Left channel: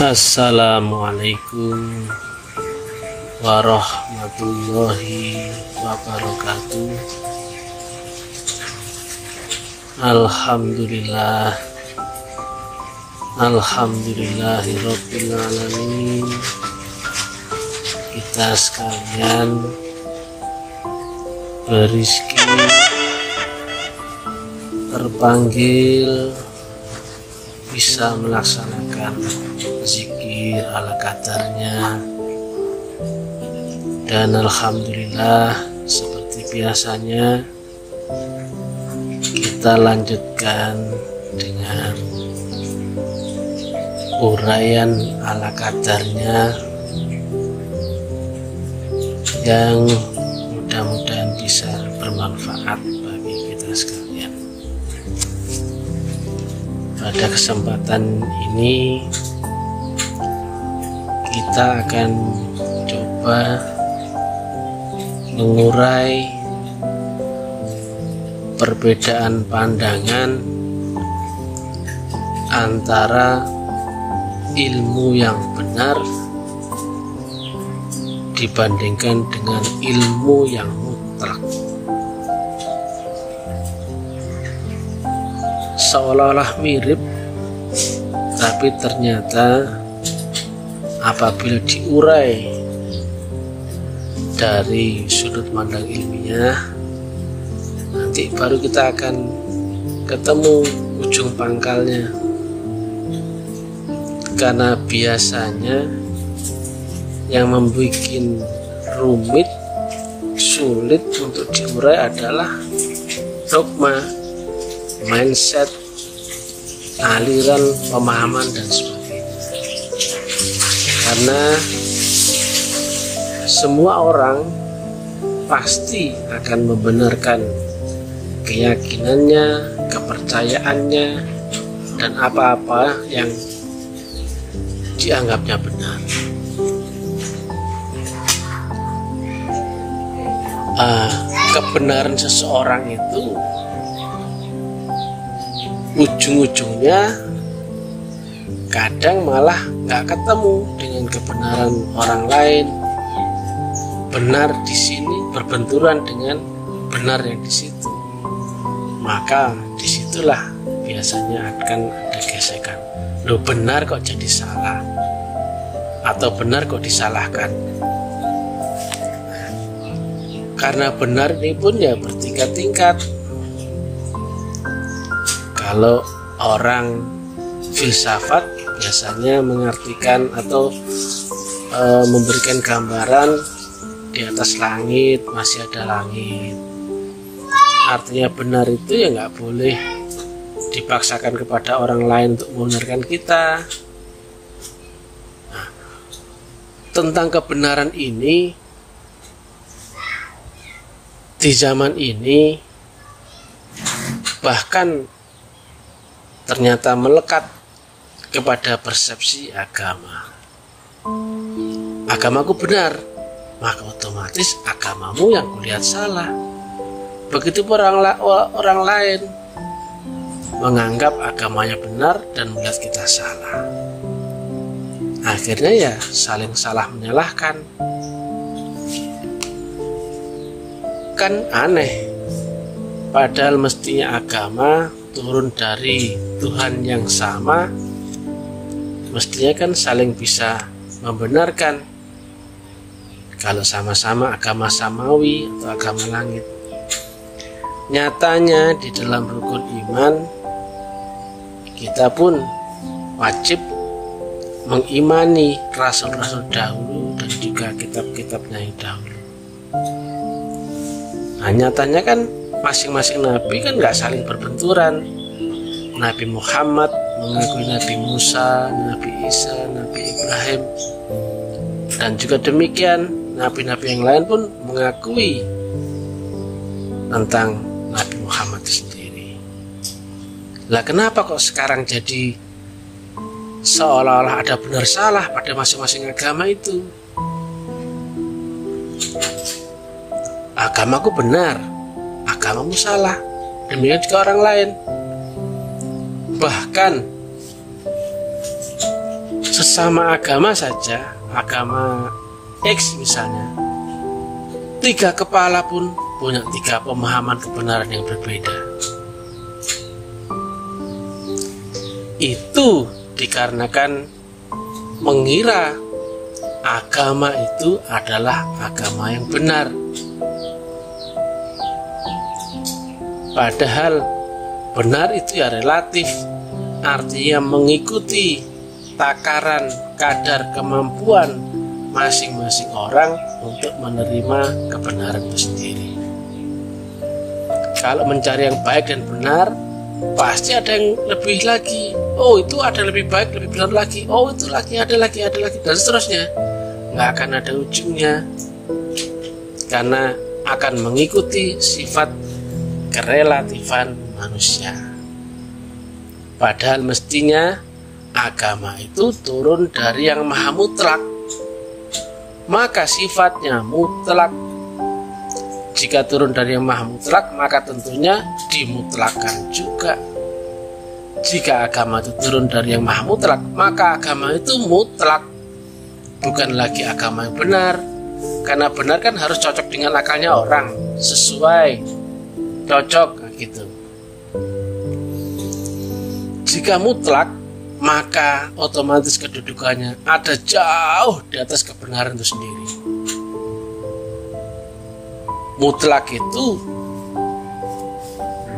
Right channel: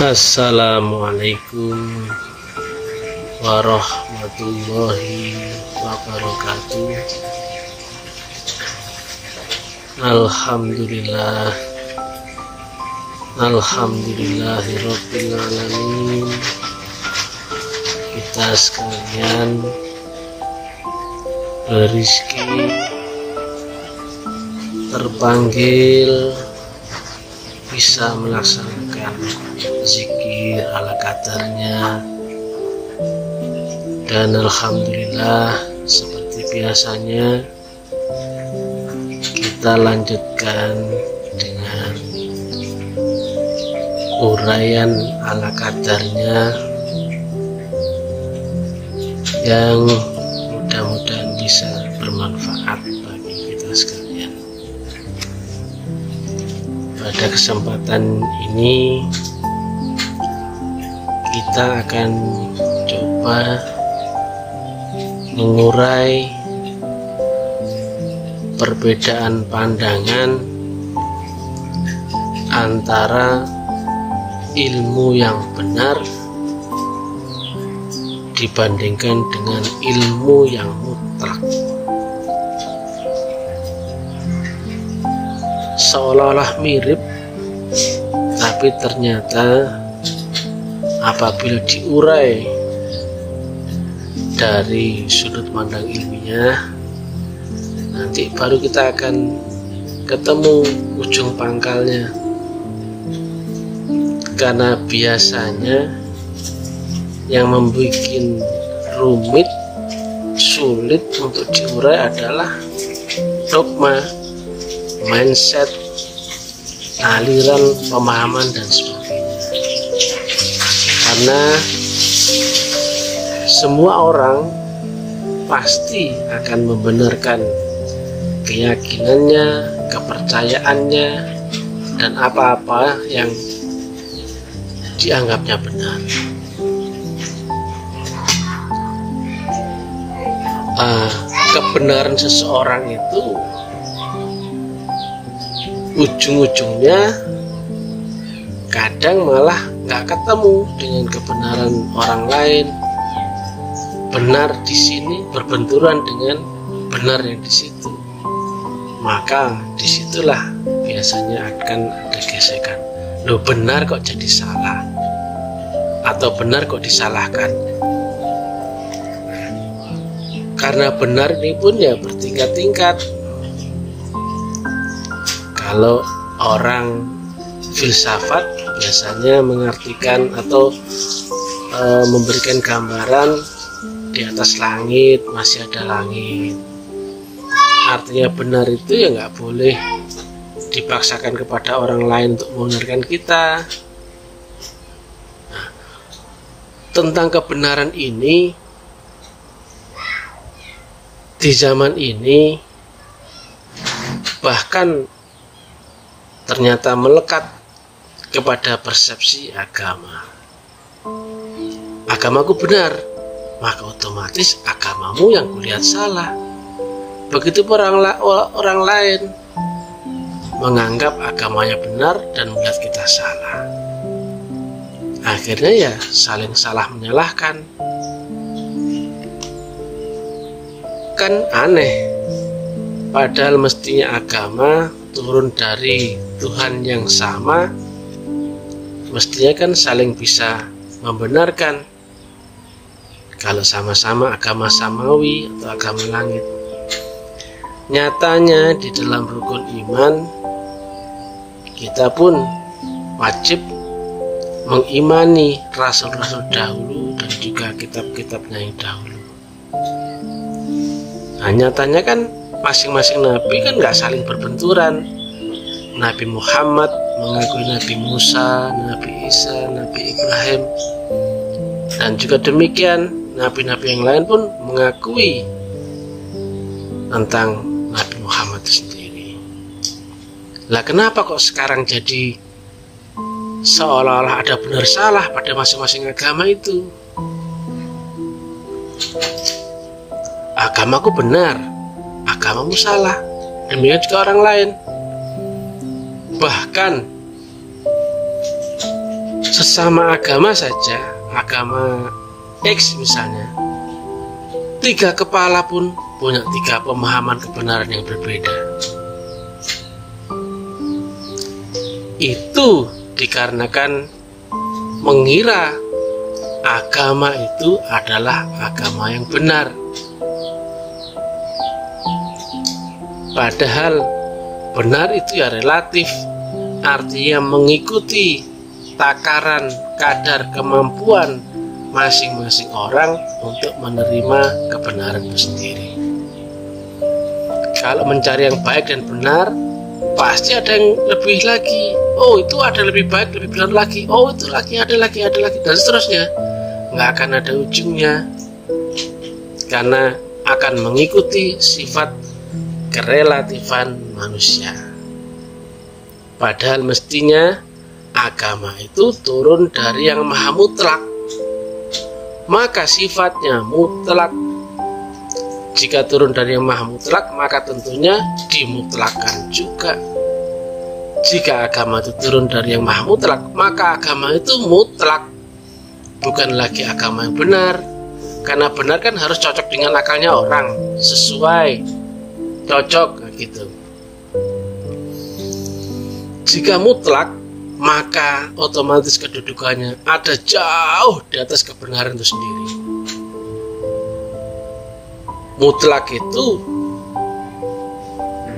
Assalamualaikum warahmatullahi wabarakatuh. Alhamdulillah, alhamdulillahirabbil alamin. Kita sekalian berizki, terpanggil bisa melaksanakan zikir ala kadarnya, dan alhamdulillah seperti biasanya kita lanjutkan dengan uraian ala kadarnya yang mudah-mudahan bisa bermanfaat bagi kita sekalian. Pada kesempatan ini kita akan coba mengurai perbedaan pandangan antara ilmu yang benar dibandingkan dengan ilmu yang mutlak. Seolah-olah mirip, tapi ternyata apabila diurai dari sudut pandang ilmiah, nanti baru kita akan ketemu ujung pangkalnya. Karena biasanya yang membuat rumit, sulit untuk diurai adalah dogma, mindset, aliran pemahaman dan sebagainya. Karena semua orang pasti akan membenarkan keyakinannya, kepercayaannya, dan apa-apa yang dianggapnya benar. Kebenaran seseorang itu ujung-ujungnya kadang malah nggak ketemu dengan kebenaran orang lain. Benar di sini berbenturan dengan benar yang di situ, maka disitulah biasanya akan ada gesekan. Loh, benar kok jadi salah, atau benar kok disalahkan. Karena benar ini pun ya bertingkat-tingkat. Kalau orang filsafat biasanya mengartikan atau memberikan gambaran di atas langit masih ada langit. Artinya benar itu ya nggak boleh dipaksakan kepada orang lain untuk membenarkan kita. Nah, tentang kebenaran ini di zaman ini bahkan ternyata melekat kepada persepsi agama. Agamaku benar, maka otomatis agamamu yang kulihat salah. Begitu orang lain menganggap agamanya benar dan melihat kita salah. Akhirnya ya saling salah menyalahkan. Kan aneh, padahal mestinya agama turun dari Tuhan yang sama, mestinya kan saling bisa membenarkan kalau sama-sama agama samawi atau agama langit. Nyatanya di dalam rukun iman kita pun wajib mengimani rasul-rasul dahulu dan juga kitab-kitabnya yang dahulu. Nah, nyatanya kan masing-masing nabi kan nggak saling berbenturan. Nabi Muhammad mengakui Nabi Musa, Nabi Isa, Nabi Ibrahim, dan juga demikian nabi-nabi yang lain pun mengakui tentang Nabi Muhammad sendiri. Lah kenapa kok sekarang jadi seolah-olah ada benar salah pada masing-masing agama itu? Agamaku benar, agamamu salah, demikian juga orang lain. Bahkan Sesama agama saja, agama X misalnya, 3 kepala pun punya 3 pemahaman kebenaran yang berbeda. Itu dikarenakan mengira agama itu adalah agama yang benar. Padahal benar itu ya relatif, artinya mengikuti takaran kadar kemampuan masing-masing orang untuk menerima kebenaran itu sendiri. Kalau mencari yang baik dan benar, pasti ada yang lebih lagi. Oh, itu ada lebih baik, lebih benar lagi. Oh, itu lagi, ada lagi, dan seterusnya. Nggak akan ada ujungnya, karena akan mengikuti sifat kerelatifan manusia. Padahal mestinya agama itu turun dari yang maha mutlak, maka sifatnya mutlak. Jika turun dari yang maha mutlak, maka tentunya dimutlakan juga. Jika agama itu turun dari yang maha mutlak, maka agama itu mutlak, bukan lagi agama yang benar. Karena benar kan harus cocok dengan akalnya orang, sesuai, cocok gitu. Jika mutlak, maka otomatis kedudukannya ada jauh di atas kebenaran itu sendiri. Mutlak itu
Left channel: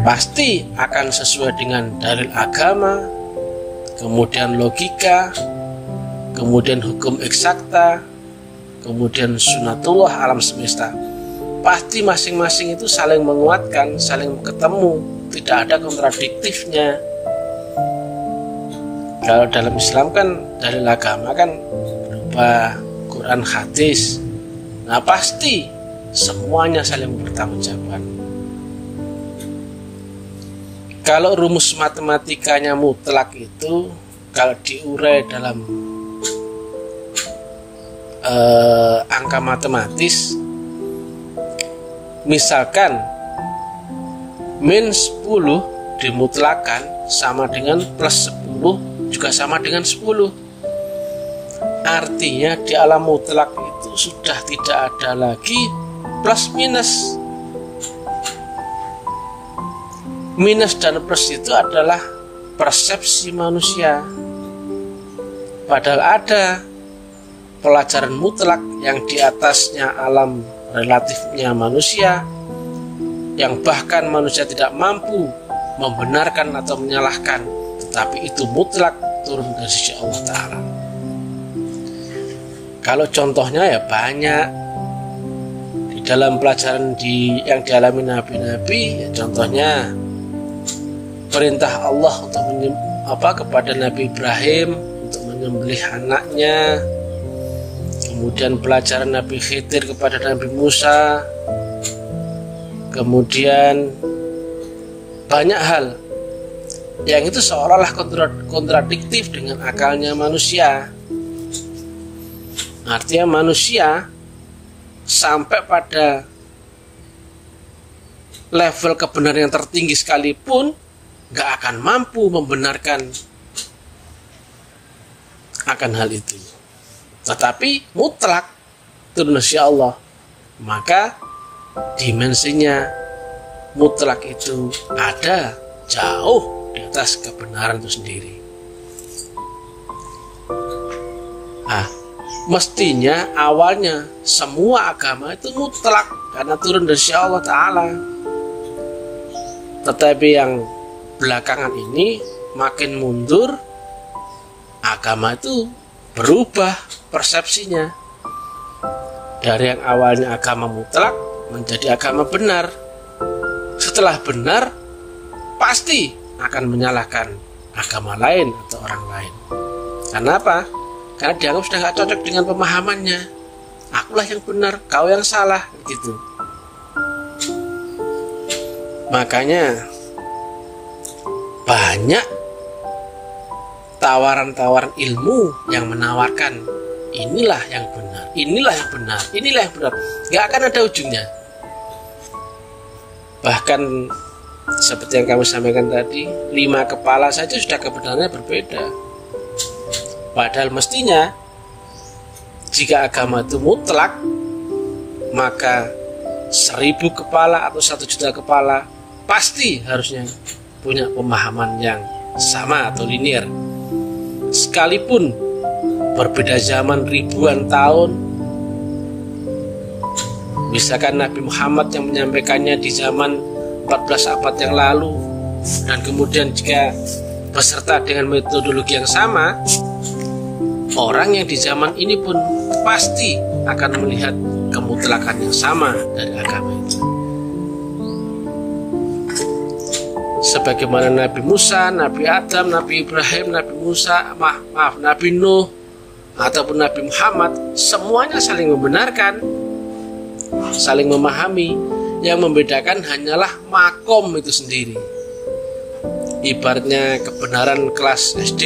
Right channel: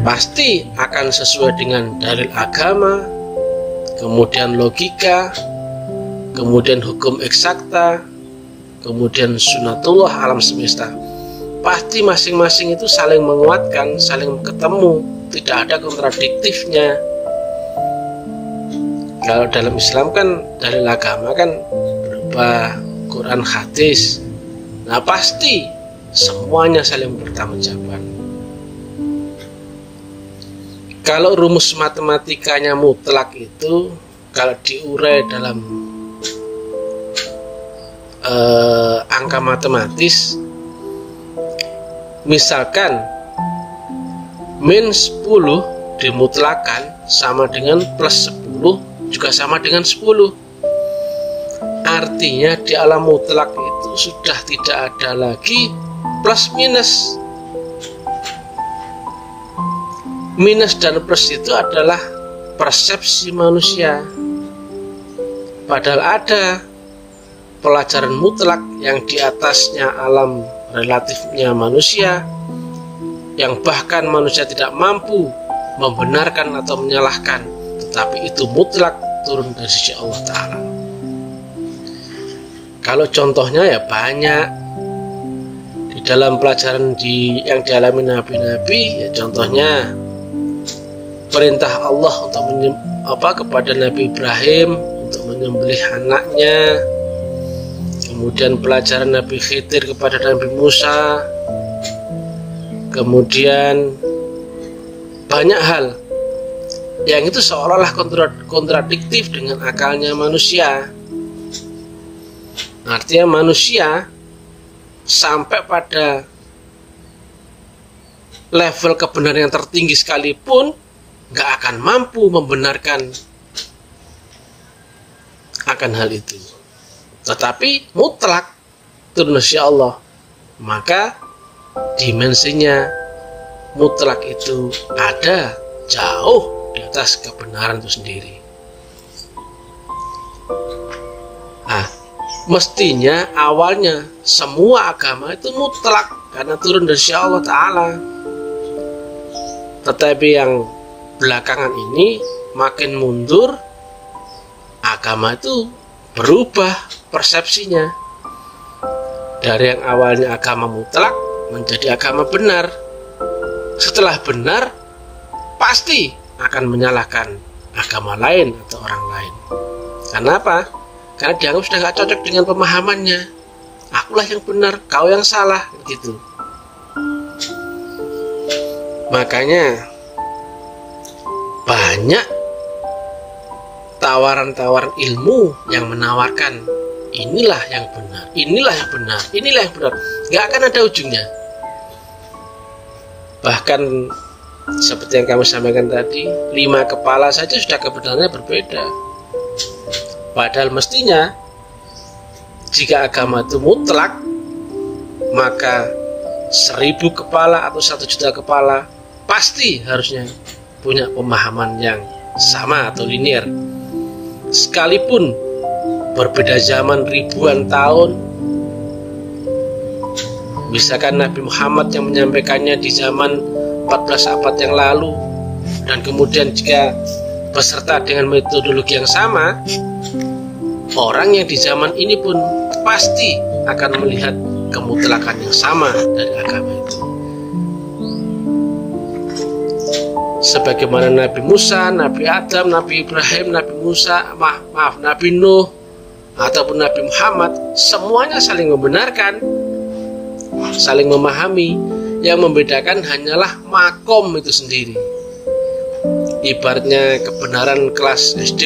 pasti akan sesuai dengan dalil agama, kemudian logika, kemudian hukum eksakta, kemudian sunatullah alam semesta. Pasti masing-masing itu saling menguatkan, saling ketemu, tidak ada kontradiktifnya. Kalau dalam Islam kan dalil agama kan berupa Quran, hadis. Nah pasti semuanya saling bertanggungjawab. Kalau rumus matematikanya mutlak itu, kalau diurai dalam angka matematis, misalkan min 10 dimutlakan sama dengan plus 10 juga sama dengan 10. Artinya di alam mutlak itu sudah tidak ada lagi plus minus. Minus dan plus itu adalah persepsi manusia. Padahal ada pelajaran mutlak yang di atasnya alam relatifnya manusia, yang bahkan manusia tidak mampu membenarkan atau menyalahkan, tetapi itu mutlak turun dari sisi Allah Ta'ala. Kalau contohnya ya banyak di dalam pelajaran yang dialami nabi-nabi, ya contohnya perintah Allah untuk kepada Nabi Ibrahim untuk menyembelih anaknya, kemudian pelajaran Nabi Khidir kepada Nabi Musa, kemudian banyak hal yang itu seolah-olah kontradiktif dengan akalnya manusia. Artinya manusia sampai pada level kebenaran yang tertinggi sekalipun gak akan mampu membenarkan akan hal itu. Tetapi mutlak turun dari Allah, maka dimensinya mutlak itu ada jauh di atas kebenaran itu sendiri. Mestinya awalnya semua agama itu mutlak karena turun dari Allah Ta'ala. Tetapi yang belakangan ini makin mundur, agama itu berubah persepsinya. Dari yang awalnya agama mutlak menjadi agama benar. Setelah benar, pasti akan menyalahkan agama lain atau orang lain. Kenapa? Karena dianggap sudah gak cocok dengan pemahamannya. Akulah yang benar, kau yang salah, gitu. Makanya banyak tawaran-tawaran ilmu yang menawarkan inilah yang benar, inilah yang benar, inilah yang benar. Gak akan ada ujungnya. Bahkan seperti yang kamu sampaikan tadi, 5 kepala saja sudah kebenarannya berbeda. Padahal mestinya jika agama itu mutlak, maka 1000 kepala atau 1 juta kepala pasti harusnya punya pemahaman yang sama atau linear. Sekalipun berbeda zaman ribuan tahun, misalkan Nabi Muhammad yang menyampaikannya di zaman 14 abad yang lalu, dan kemudian jika beserta dengan metodologi yang sama, orang yang di zaman ini pun pasti akan melihat kemutlakan yang sama dari agama itu. Sebagaimana Nabi Musa, Nabi Adam, Nabi Ibrahim, Nabi Musa, Nabi Nuh, ataupun Nabi Muhammad, semuanya saling membenarkan, saling memahami. Yang membedakan hanyalah makom itu sendiri. Ibaratnya kebenaran kelas SD,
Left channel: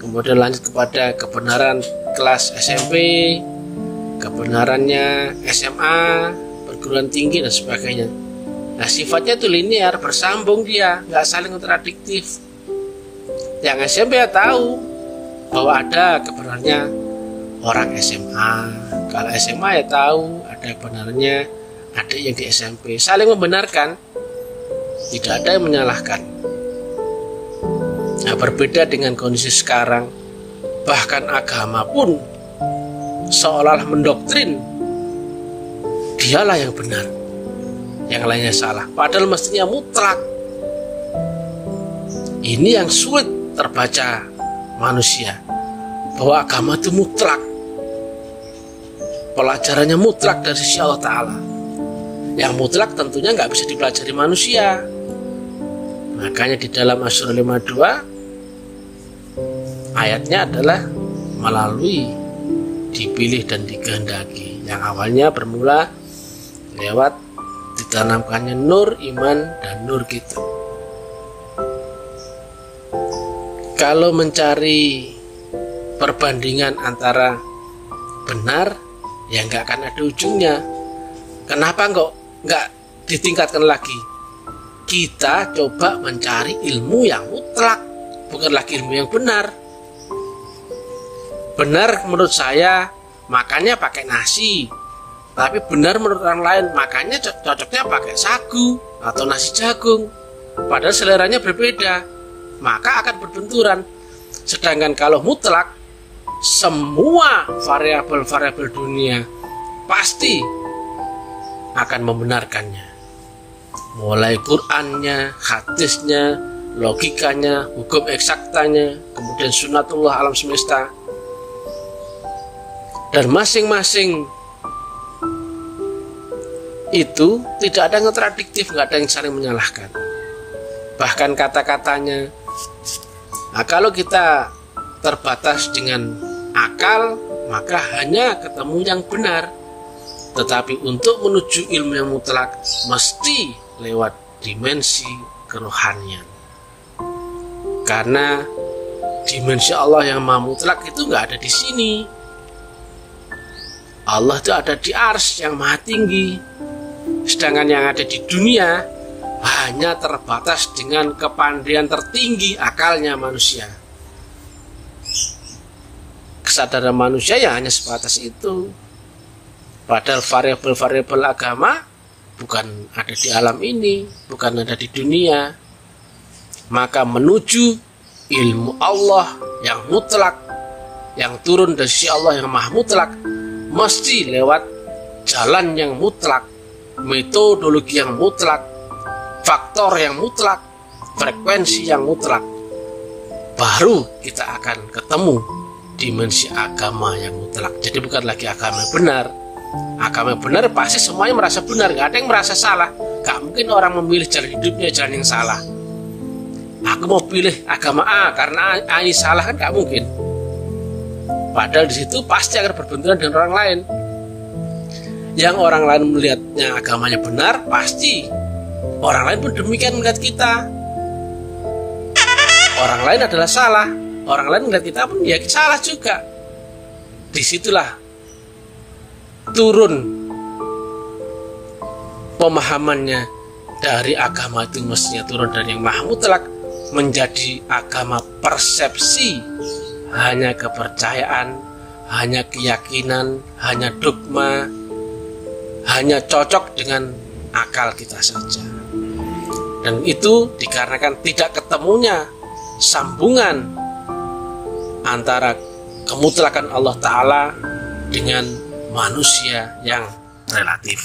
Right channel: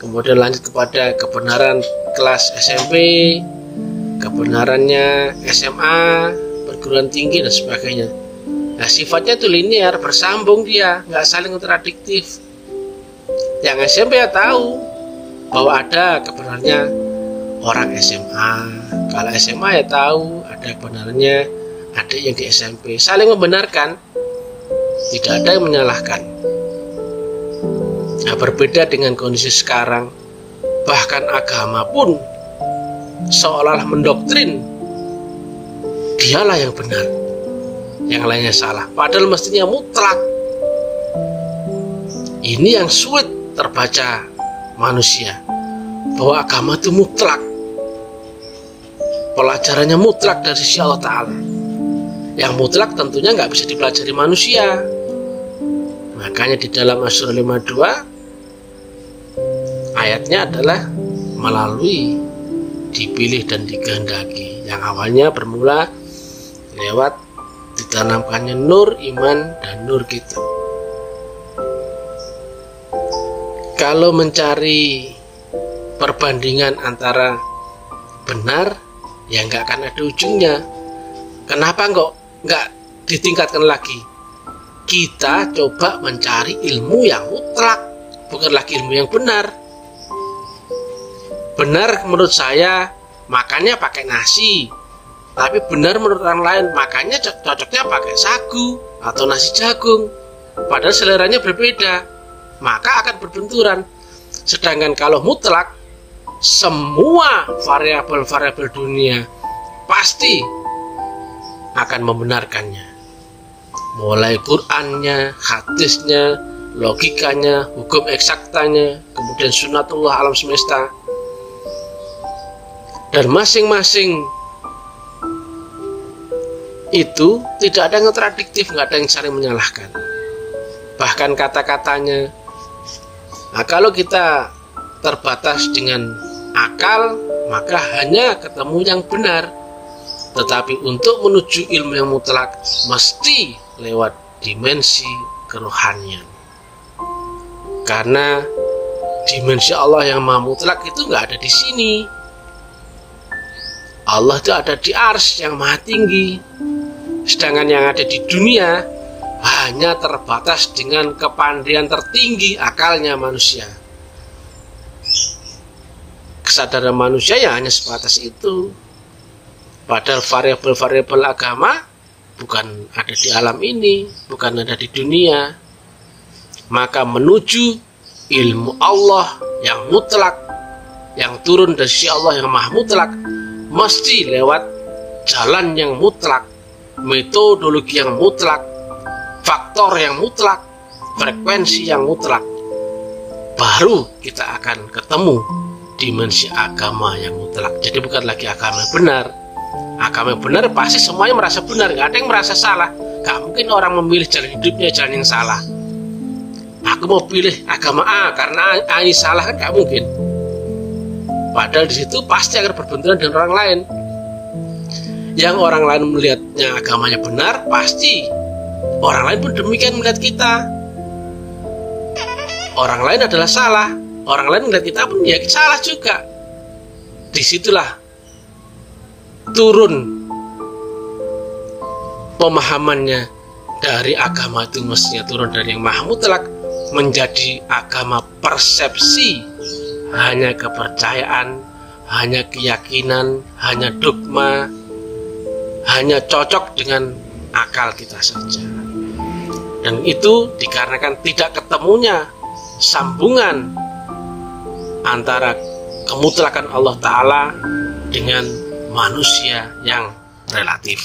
kemudian lanjut kepada kebenaran kelas SMP, kebenarannya SMA, perguruan tinggi dan sebagainya. Nah, sifatnya itu linear, bersambung dia, nggak saling kontradiktif. Yang SMP ya tahu bahwa ada kebenarannya orang SMA, kalau SMA ya tahu ada kebenarannya adik yang di SMP, saling membenarkan, tidak ada yang menyalahkan. Nah, berbeda dengan kondisi sekarang, bahkan agama pun seolah-olah mendoktrin dialah yang benar, yang lainnya salah, padahal mestinya mutlak. Ini yang sulit terbaca manusia, bahwa agama itu mutlak, pelajarannya mutlak dari sisi Allah Ta'ala. Yang mutlak tentunya nggak bisa dipelajari manusia. Makanya di dalam Asy-Syura 52 ayatnya adalah melalui dipilih dan dikehendaki, yang awalnya bermula lewat ditanamkannya nur iman dan nur kita. Kalau mencari perbandingan antara benar, ya nggak akan ada ujungnya. Kenapa nggak ditingkatkan lagi? Kita coba mencari ilmu yang mutlak, bukan lagi ilmu yang benar. Benar menurut saya makannya pakai nasi, tapi benar menurut orang lain makannya cocoknya pakai sagu atau nasi jagung, padahal seleranya berbeda, maka akan berbenturan. Sedangkan kalau mutlak, semua variabel-variabel dunia pasti akan membenarkannya, mulai Qur'annya, hadisnya, logikanya, hukum eksaktanya, kemudian sunatullah alam semesta. Dan masing-masing itu tidak ada yang kontradiktif, nggak ada yang saling menyalahkan. Bahkan kata-katanya, nah kalau kita terbatas dengan akal, maka hanya ketemu yang benar. Tetapi untuk menuju ilmu yang mutlak, mesti lewat dimensi kerohanian. Karena dimensi Allah yang maha mutlak itu nggak ada di sini. Allah itu ada di Arsy yang maha tinggi. Sedangkan yang ada di dunia hanya terbatas dengan kepandaian tertinggi akalnya manusia. Kesadaran manusia ya hanya sebatas itu. Padahal variabel-variabel agama bukan ada di alam ini, bukan ada di dunia. Maka menuju ilmu Allah yang mutlak, yang turun dari sisi Allah yang maha mutlak, mesti lewat jalan yang mutlak, metodologi yang mutlak, faktor yang mutlak, frekuensi yang mutlak. Baru kita akan ketemu dimensi agama yang mutlak. Jadi bukan lagi agama yang benar. Agama yang benar pasti semuanya merasa benar, gak ada yang merasa salah. Gak mungkin orang memilih jalan hidupnya jalan yang salah. Aku mau pilih agama A karena A ini salah, kan gak mungkin. Padahal di situ pasti akan berbenturan dengan orang lain. Yang orang lain melihatnya agamanya benar, pasti orang lain pun demikian melihat kita. Orang lain adalah salah, orang lain melihat kita pun ya salah juga. Disitulah turun pemahamannya dari agama itu, mestinya turun dari yang maha mutlak menjadi agama persepsi hanya kepercayaan, hanya keyakinan, hanya dogma, hanya cocok dengan akal kita saja. Dan itu dikarenakan tidak ketemunya sambungan antara kemutlakan Allah Ta'ala dengan manusia yang relatif.